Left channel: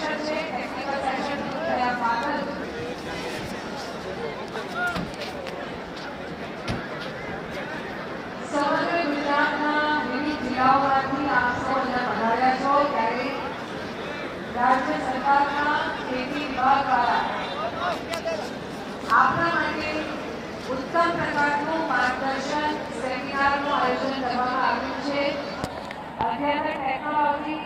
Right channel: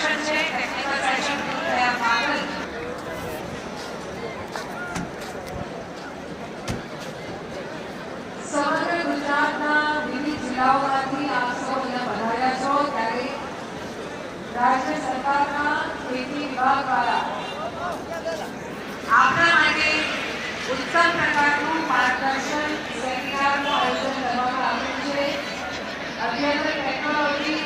Session છે, technical session થયા બાદ જ સમગ્ર ગુજરાતના વિવિધ જિલ્લાઓમાંથી આપ સૌ અહીંયા પધાર્યા છો ત્યારે રાજ્ય સરકારના ખેતી વિભાગ દ્વારા આપના માટે ઉત્તમ પ્રકારનું માર્ગદર્શન સેમિનારનું આયોજન કરવામાં આવ્યું છે. અદ્યતન ટેકનોલોજી